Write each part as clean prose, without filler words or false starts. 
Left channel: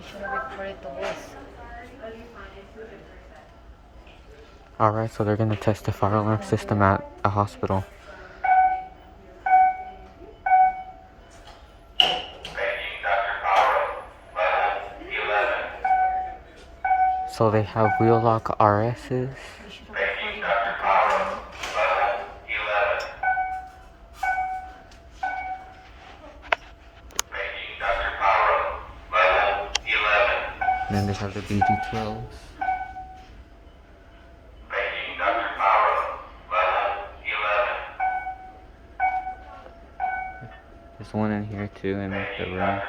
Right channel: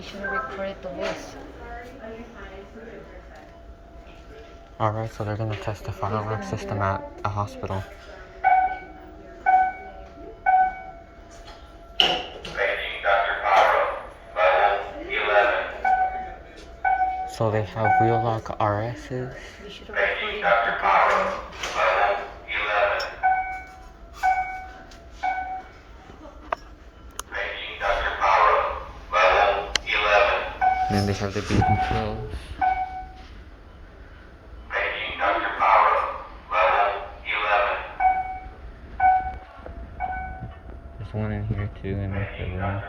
You should have recorded the voice. Alright, so they're gonna test the fire alarm system at a hospital. So they have wheel lock RSs. You should have recorded the goddamn. And then they have the BD12. There's one in here too in the room.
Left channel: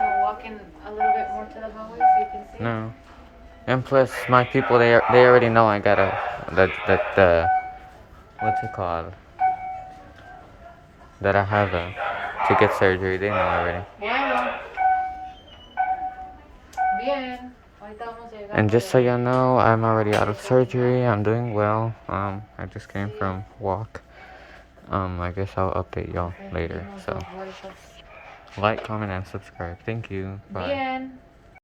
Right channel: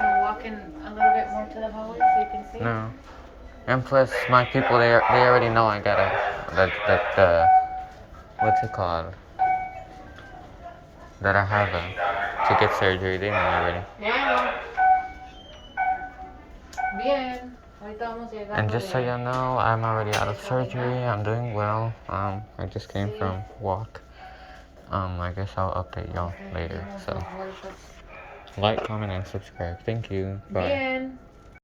We're walking a little bit more to the hallway so you can see. No. And plus, my people, they already know I got the what's it called? That I have to get surgery. They know already. Bueno. Bien. Ahorita vamos llegando. And just so you know, I'm already out of surgery. I'm doing well. I just came from walk. I guess I'll update y'all later. So, like, comment, and subscribe. Thank you. Bye. Bien.